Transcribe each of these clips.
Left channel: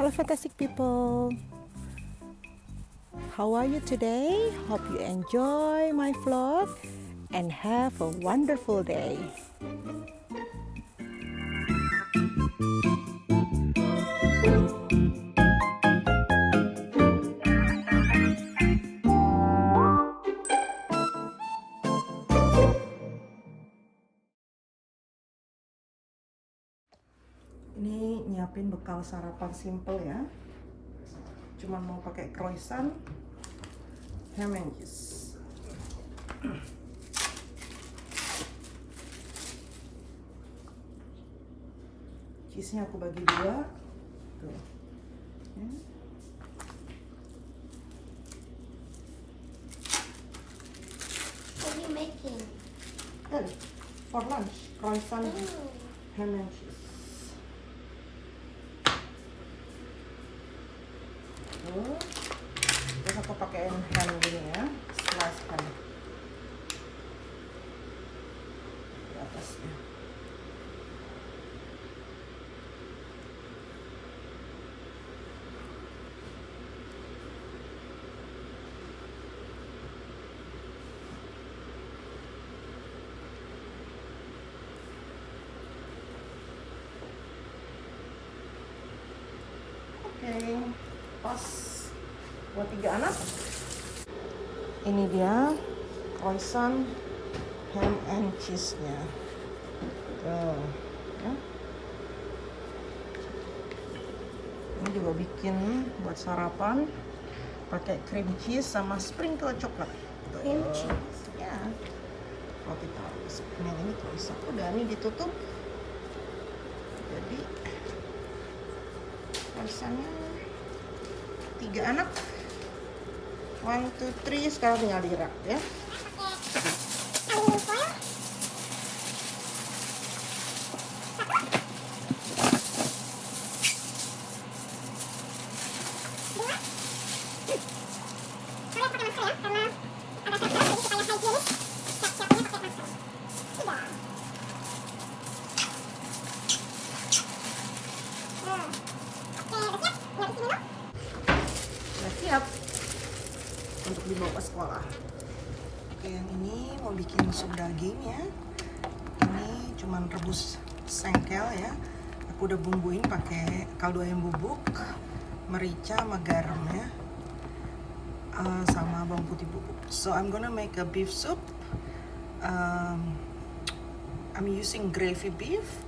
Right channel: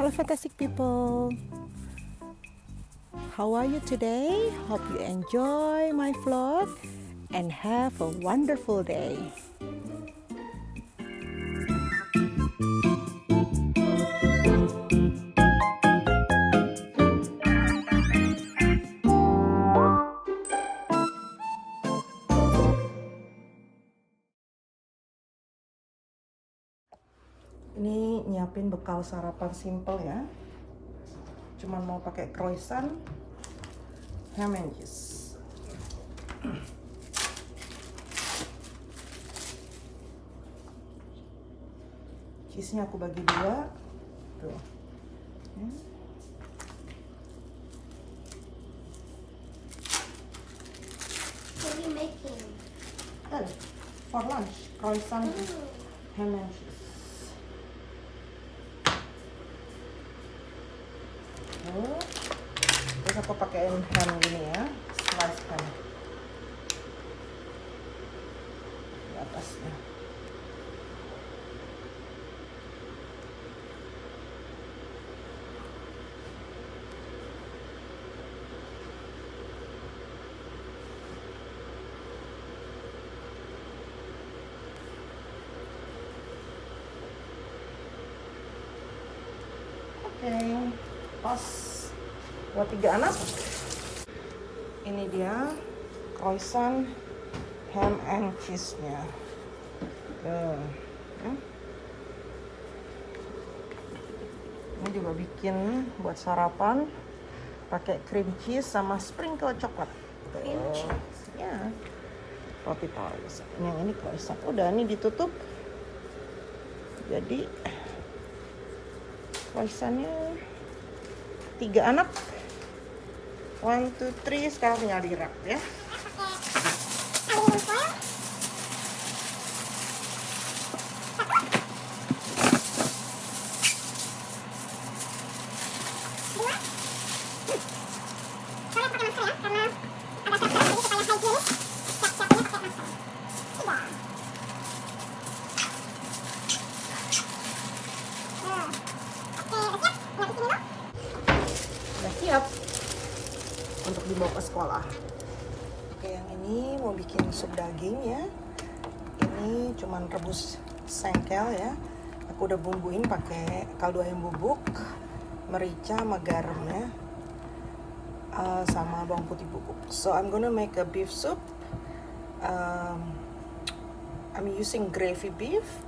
Hello fantastic people, how are you today? Hope you enjoy my vlog and have a wonderful day. Ini nyiapin bekal sarapan simple ya. Cuman mau pakai croissant, ham and cheese. Cheese-nya aku bagi dua. Tuh. Ya. What are you making? For lunch, croissant with ham and cheese. Terus aku pakein ham gini ya, slice ham di atasnya. Oke, pas buat 3 anak. Ini dia croissant ham and cheese-nya. Tuh, ya. Ini juga bikin buat sarapan pakai cream cheese sama sprinkle coklat. Cream cheese? Ya. Roti tawar. Yang ini croissant. Udah, ini ditutup. Jadi croissantnya 3 anak. 1, 2, 3. Sekarang tinggal di rak ya. Udah siap untuk dibawa ke sekolah. Oke, yang ini mau bikin sup daging ya. Ini cuman rebus sengkel ya. Aku udah bumbuin pakai kaldu ayam bubuk, merica sama garam ya, sama bawang putih bubuk. So I'm gonna make a beef soup. I'm using gravy beef.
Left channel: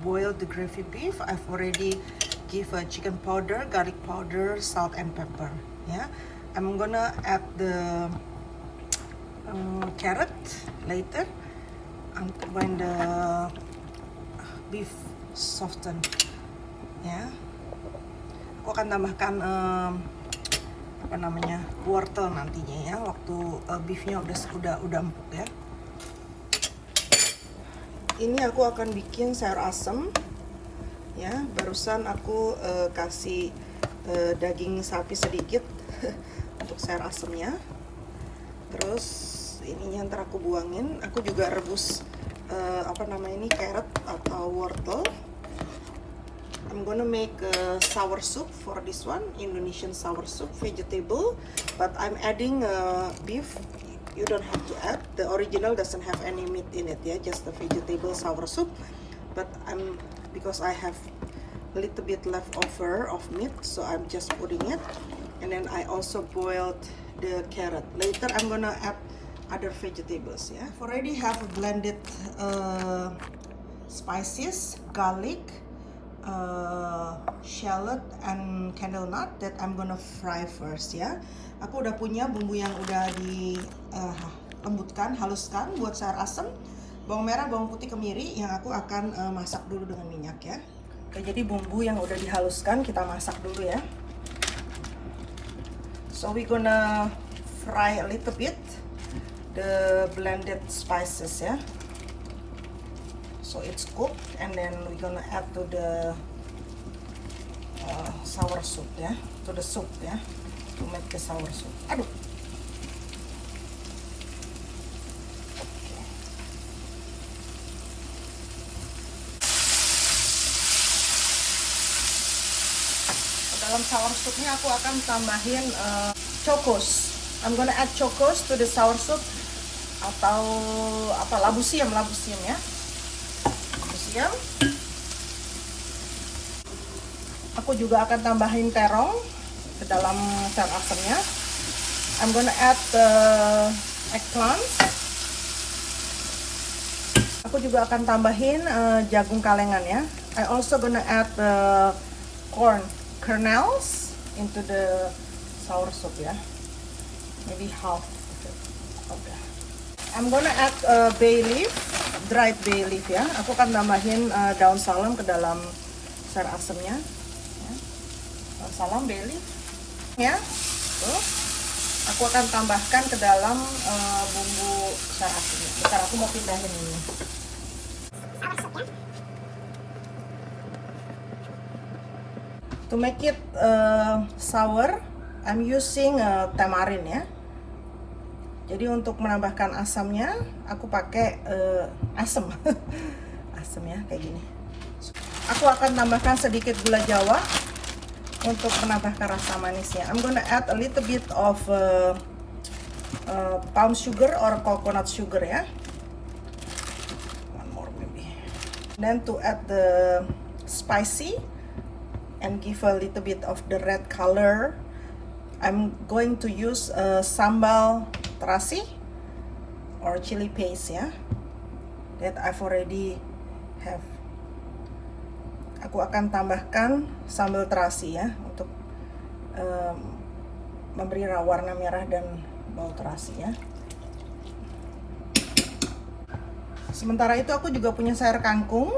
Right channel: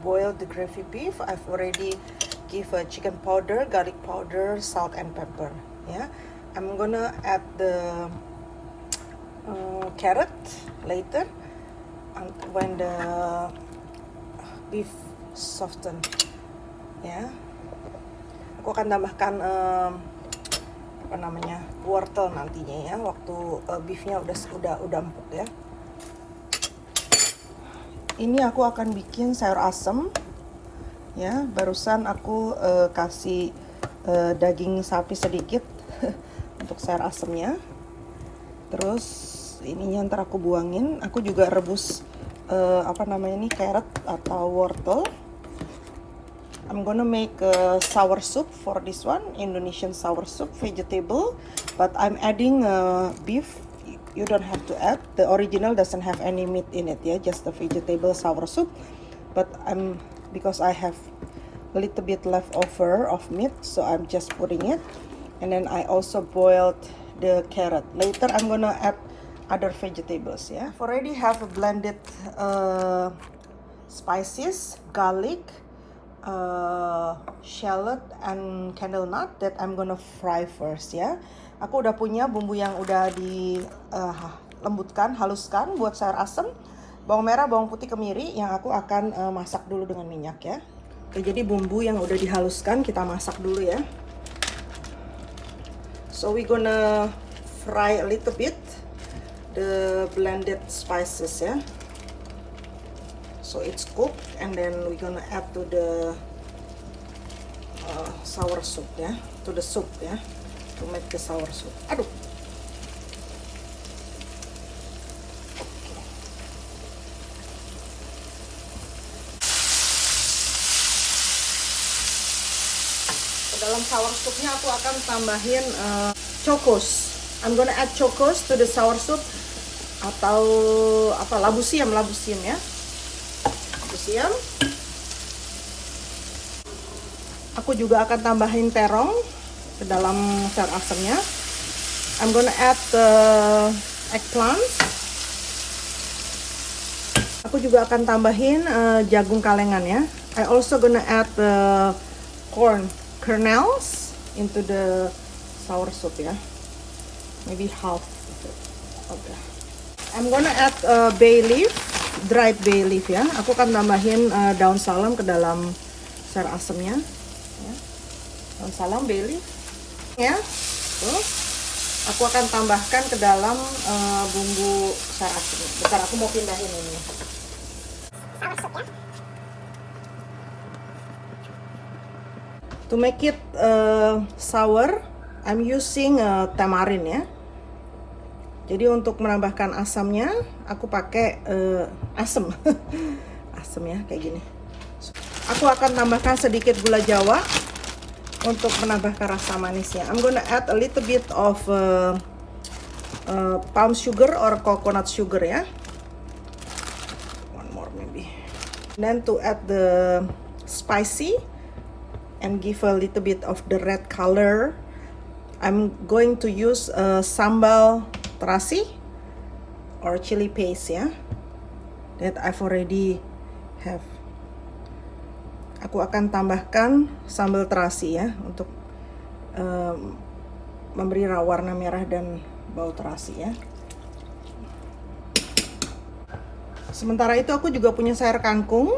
Boil the gravy beef. I've already give a chicken powder, garlic powder, salt and pepper. Yeah, I'm gonna add the carrot later, and when the beef soften. Ya, aku akan tambahkan apa namanya, wortel nantinya ya, waktu beefnya udah empuk ya. Ini aku akan bikin sayur asem. Ya, barusan aku kasih daging sapi sedikit untuk sayur asemnya. Terus ininya ntar aku buangin. Aku juga rebus apa namanya ini, carrot atau wortel. I'm gonna make a sour soup for this one, Indonesian sour soup, vegetable, but I'm adding beef. You don't have to add. The original doesn't have any meat in it ya, just the vegetable sour soup. But because I have a little bit leftover of meat, so I'm just putting it. And then I also boiled the carrot. Later I'm gonna add other vegetables ya. I've already have a blended spices, garlic, shallot and candle nut that I'm gonna fry first ya. Aku udah punya bumbu yang udah di lembutkan, haluskan buat sayur asem. Bawang merah, bawang putih, kemiri yang aku akan masak dulu dengan minyak ya. Oke, jadi bumbu yang udah dihaluskan kita masak dulu ya. So we gonna fry a little bit the blended spices ya. So it's cooked, and then we gonna add to the sour soup ya, to the soup ya, to make the sour soup. Aduh. dalam sour soupnya aku akan tambahin chocos. I'm gonna add chocos to the sour soup, atau apa, labu siam ya. Labu siam. Aku juga akan tambahin terong ke dalam sayur asemnya. I'm gonna add eggplant. Aku juga akan tambahin jagung kalengan ya. I also gonna add corn kernels into the sour soup ya. Maybe half. Okay. I'm gonna add bay leaf, dried bay leaf ya. Aku akan tambahin daun salam ke dalam sayur asemnya. Daun salam, bay leaf ya. Terus aku akan tambahkan ke dalam bumbu sayur asem. Bentar, aku mau pindahin ini. To make it sour, I'm using tamarin ya. Jadi untuk menambahkan asamnya, aku pakai asam, asam ya, kayak gini. Aku akan tambahkan sedikit gula Jawa untuk menambahkan rasa manisnya. I'm gonna add a little bit of palm sugar or coconut sugar ya. One more maybe. Then to add the spicy and give a little bit of the red color, I'm going to use sambal terasi or chili paste ya, that I've already have. Aku akan tambahkan sambal terasi ya untuk memberi warna merah dan bau terasi ya. Sementara itu aku juga punya sayur kangkung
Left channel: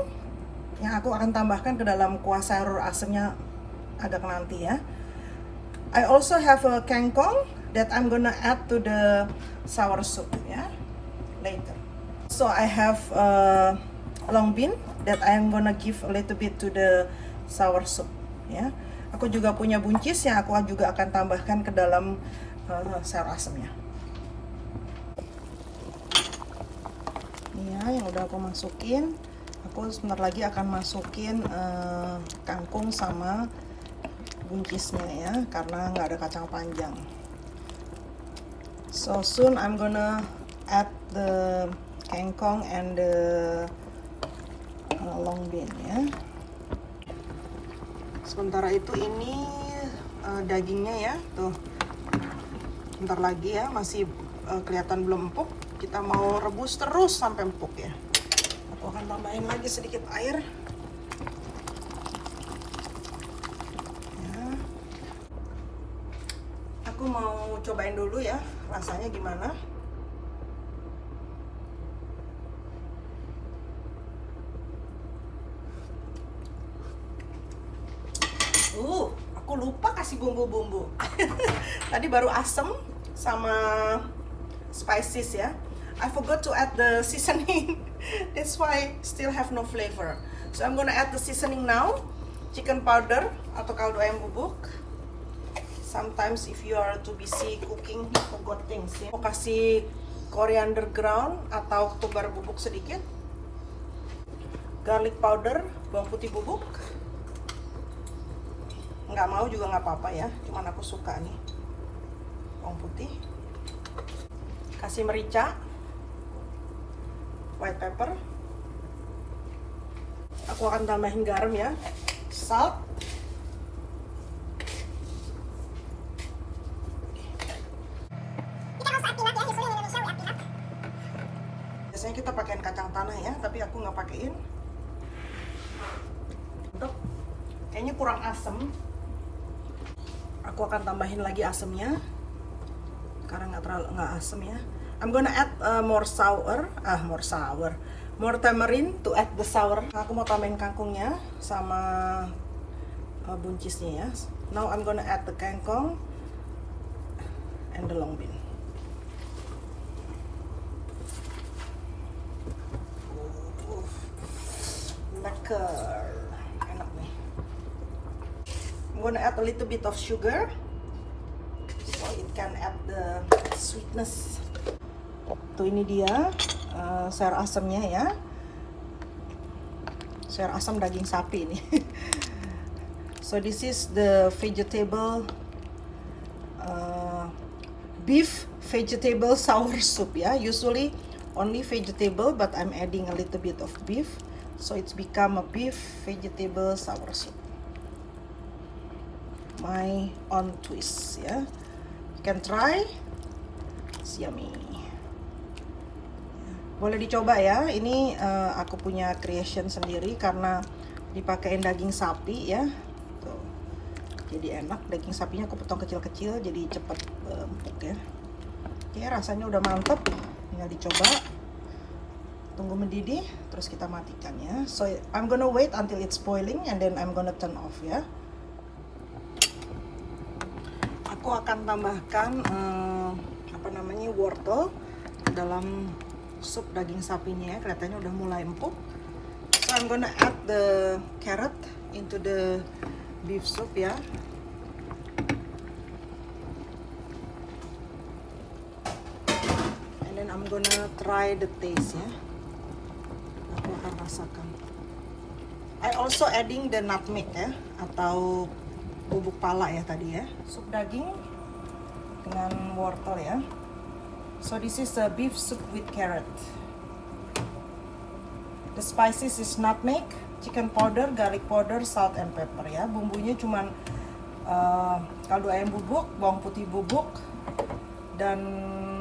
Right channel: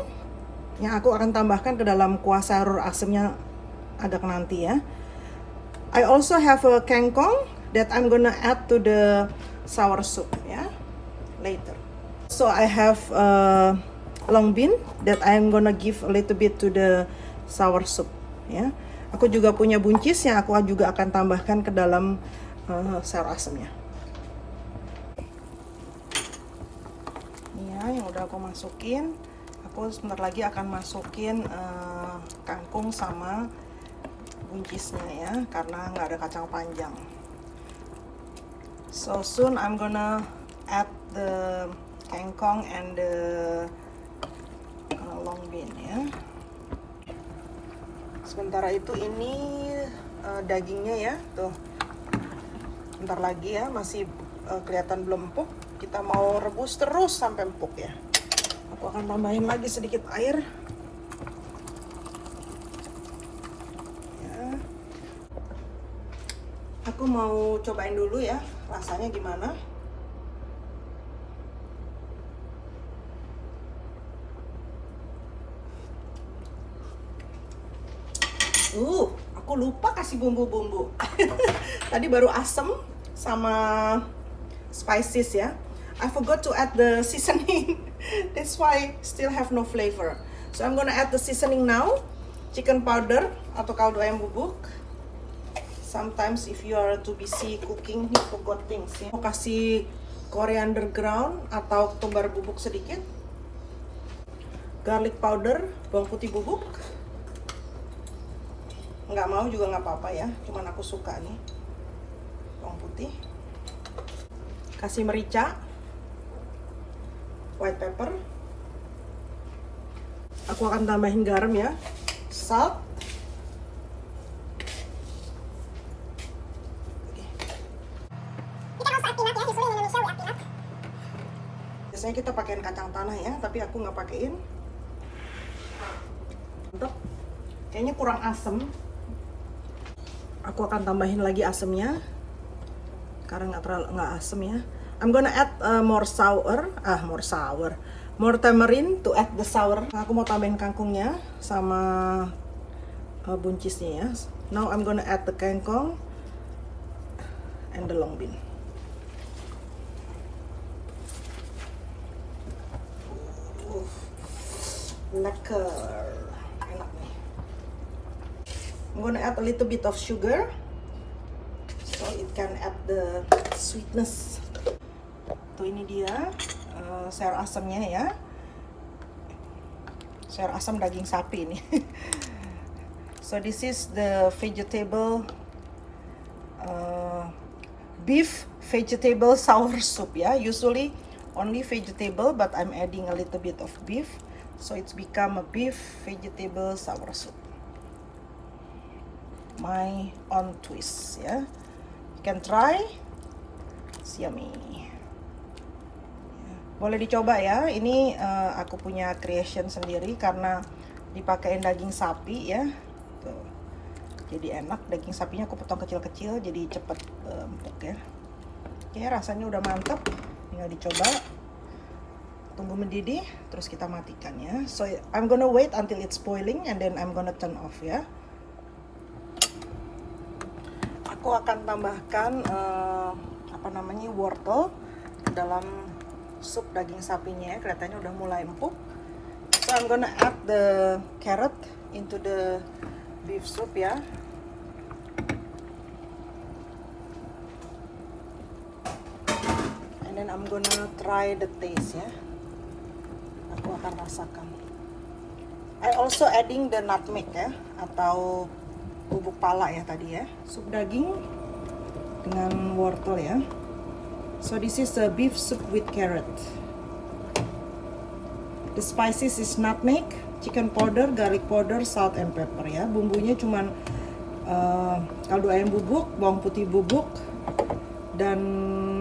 yang aku akan tambahkan ke dalam kuah sayur asemnya ada nanti ya. I also have a kangkong that I'm gonna add to the sour soup ya, later. So I have long bean that I'm gonna give a little bit to the sour soup ya. Aku juga punya buncis yang aku juga akan tambahkan ke dalam sayur asemnya. Ini ya yang udah aku masukin. Aku sebentar lagi akan masukin kangkung sama buncisnya ya, karena nggak ada kacang panjang. So soon I'm gonna add the kangkong and the long bean ya. Sementara itu ini dagingnya ya, tuh. Bentar lagi ya, masih kelihatan belum empuk. Kita mau rebus terus sampai empuk ya. Aku akan tambahin lagi sedikit air. Aku mau cobain dulu ya, rasanya gimana. Aku lupa kasih bumbu-bumbu. Tadi baru asam sama spices ya. I forgot to add the seasoning. That's why still have no flavor. So I'm gonna add the seasoning now. Chicken powder atau kaldu ayam bubuk. Sometimes if you are too busy cooking, you forgot things ya. Mau kasih coriander ground atau ketumbar bubuk sedikit. Garlic powder, bawang putih bubuk. Nggak mau juga nggak apa-apa ya, cuman aku suka nih bawang putih. Kasih merica, white pepper. Aku akan tambahin garam ya, salt. Biasanya kita pakaiin kacang tanah ya, tapi aku nggak pakein. Kayaknya kurang asem. Aku akan tambahin lagi asemnya karena nggak asem ya. I'm gonna add more tamarind to add the sour. Aku mau tambahin kangkungnya sama buncisnya ya. Now I'm gonna add the kangkong and the long bean. Lekker. I'm gonna add a little bit of sugar so it can add the sweetness. Tuh ini dia sayur asemnya ya. Sayur asam daging sapi ini. So this is the vegetable beef vegetable sour soup ya. Usually only vegetable, but I'm adding a little bit of beef, so it's become a beef vegetable sour soup. My own twist ya. You can try. It's yummy. Boleh dicoba ya. Ini aku punya creation sendiri karena dipakein daging sapi ya. Tuh. Jadi enak, daging sapinya aku potong kecil-kecil jadi cepet empuk ya. Oke, rasanya udah mantep. Tinggal dicoba. Tunggu mendidih, terus kita matikan ya. So I'm gonna wait until it's boiling and then I'm gonna turn off ya. Aku akan tambahkan wortel ke dalam sup daging sapinya ya. Kelihatannya udah mulai empuk. So I'm gonna add the carrot into the beef soup ya. And then I'm gonna try the taste ya. Aku akan rasakan. I also adding the nutmeg ya, atau bubuk pala ya tadi ya. Sup daging dengan wortel ya. So this is a beef soup with carrot. The spices is nutmeg, chicken powder, garlic powder, salt and pepper ya. Bumbunya cuman kaldu ayam bubuk, bawang putih bubuk, dan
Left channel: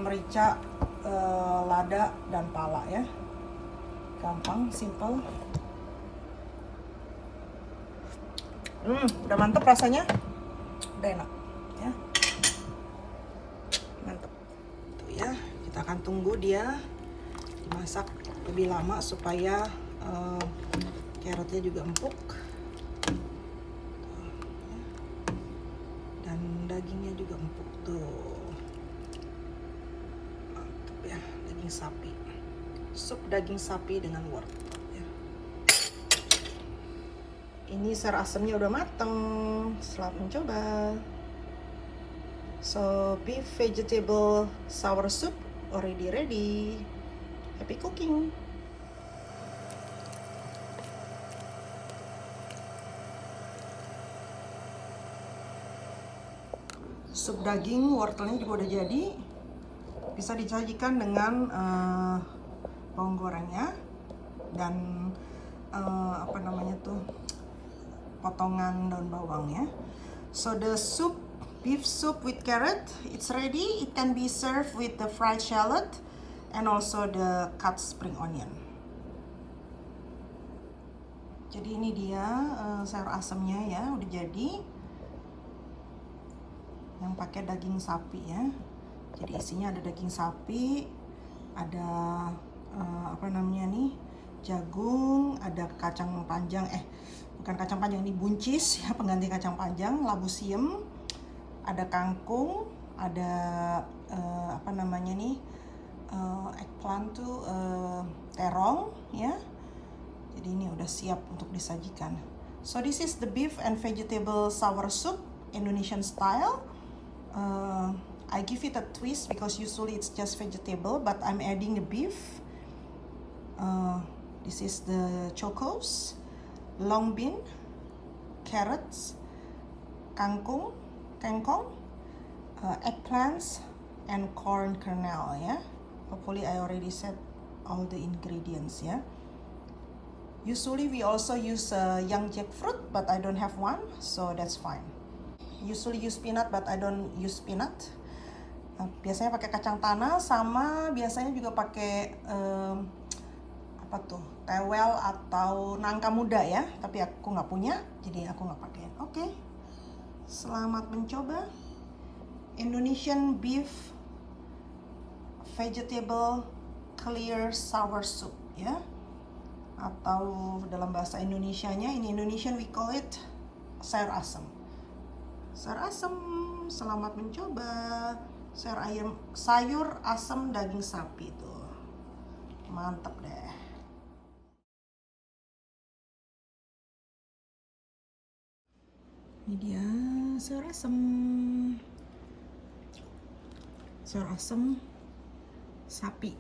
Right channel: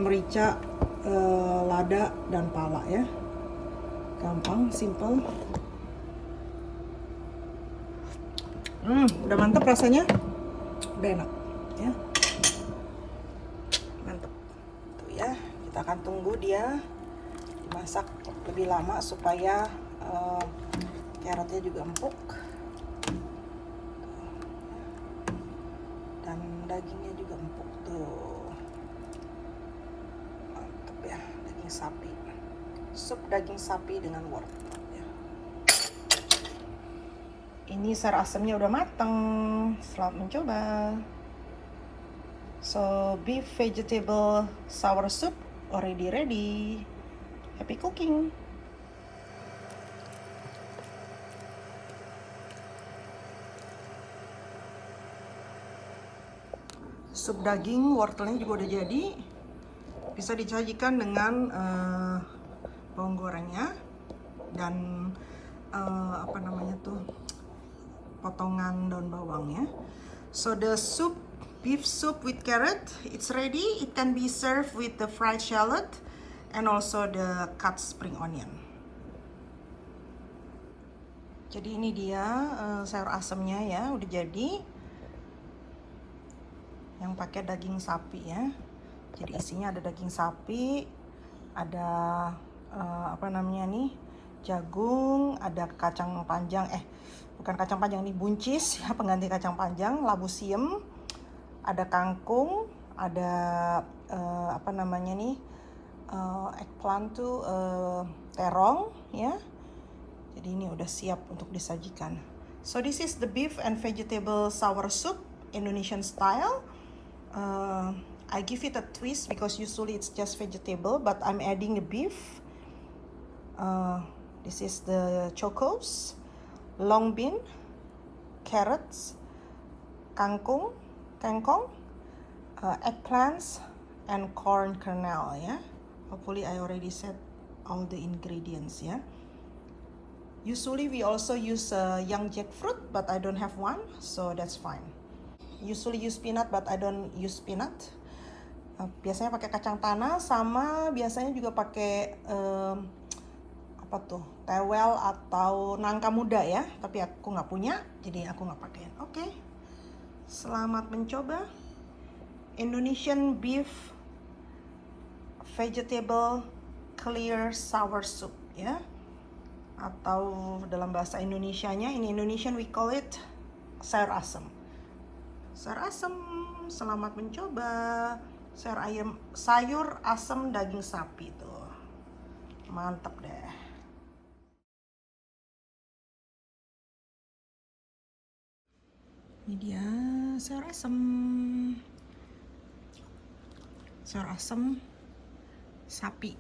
merica, lada dan pala ya. Gampang, simple. Udah mantep rasanya, udah enak ya. Mantep tuh ya. Kita akan tunggu dia dimasak lebih lama supaya carrotnya juga empuk dan dagingnya juga empuk tuh. Mantep ya, daging sapi, sup daging sapi dengan wortel ya. Ini sayur asemnya udah mateng. Selamat mencoba. So beef vegetable sour soup already ready. Happy cooking. Sup daging wortelnya juga udah jadi. Bisa disajikan dengan bawang gorengnya dan potongan daun bawangnya. So the soup, beef soup with carrot, it's ready. It can be served with the fried shallot and also the cut spring onion. Jadi ini dia sayur asemnya ya, udah jadi. Yang pakai daging sapi ya. Jadi isinya ada daging sapi, ada jagung, ada kacang panjang, bukan kacang panjang, ini buncis ya, pengganti kacang panjang, labu siam, ada kangkung, ada eggplant tuh, terong ya. Jadi ini udah siap untuk disajikan. So this is the beef and vegetable sour soup, Indonesian style. I give it a twist because usually it's just vegetable, but I'm adding the beef. This is the chocos, long bean, carrots, kangkung, eggplants, and corn kernel ya. Hopefully I already said all the ingredients ya. Usually we also use young jackfruit, but I don't have one, so that's fine. Usually use peanut, but I don't use peanut. Biasanya pakai kacang tanah, sama biasanya juga pakai tewel atau nangka muda ya, tapi aku nggak punya, jadi aku nggak pakai. Oke. Selamat mencoba Indonesian beef vegetable clear sour soup ya, atau dalam bahasa Indonesianya, in Indonesian we call it sayur asem. Sayur asem, selamat mencoba. Sayur asem daging sapi tuh, mantap deh. Ini dia sayur asem. Sayur asem sapi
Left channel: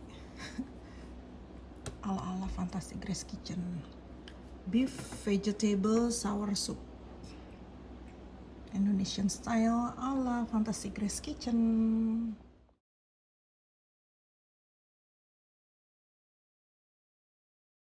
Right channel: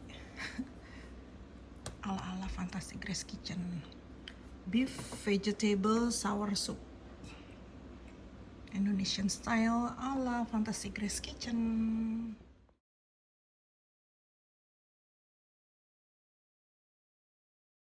ala-ala Fantastic Grace Kitchen. Beef vegetable sour soup. Indonesian style ala Fantasy Grace Kitchen.